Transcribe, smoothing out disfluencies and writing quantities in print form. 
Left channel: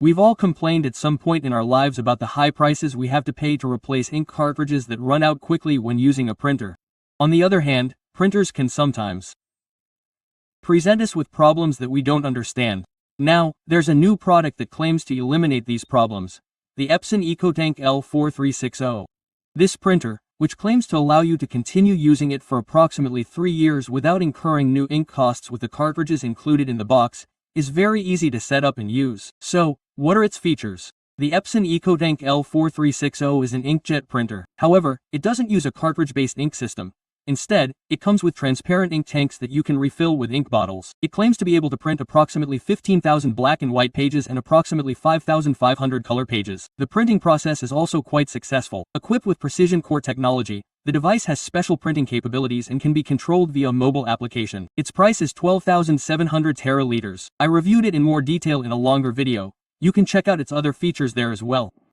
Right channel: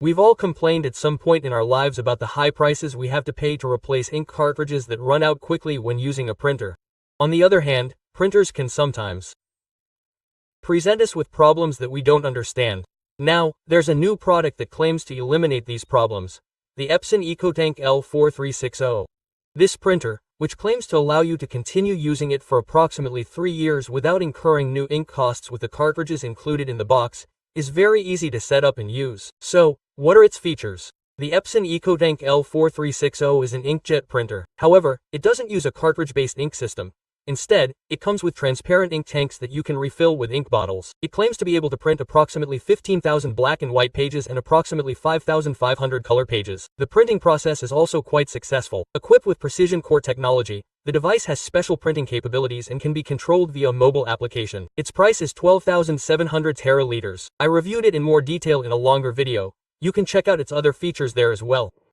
We've all complained at some point in our lives about the high prices we have to pay to replace ink cartridges that run out quickly when using a printer. On the other hand, printers can sometimes present us with problems that we don't understand. Now, there's a new product that claims to eliminate these problems: the Epson EcoTank L4360. This printer, which claims to allow you to continue using it for approximately 3 years without incurring new ink costs with the cartridges included in the box, is very easy to set up and use. So, what are its features? The Epson EcoTank L4360 is an inkjet printer. However, it doesn't use a cartridge-based ink system. Instead, it comes with transparent ink tanks that you can refill with ink bottles. It claims to be able to print approximately 15,000 black and white pages and approximately 5,500 color pages. The printing process is also quite successful. Equipped with precision core technology, the device has special printing capabilities and can be controlled via mobile application. Its price is 12,700 teraliters. I reviewed it in more detail in a longer video. You can check out its other features there as well.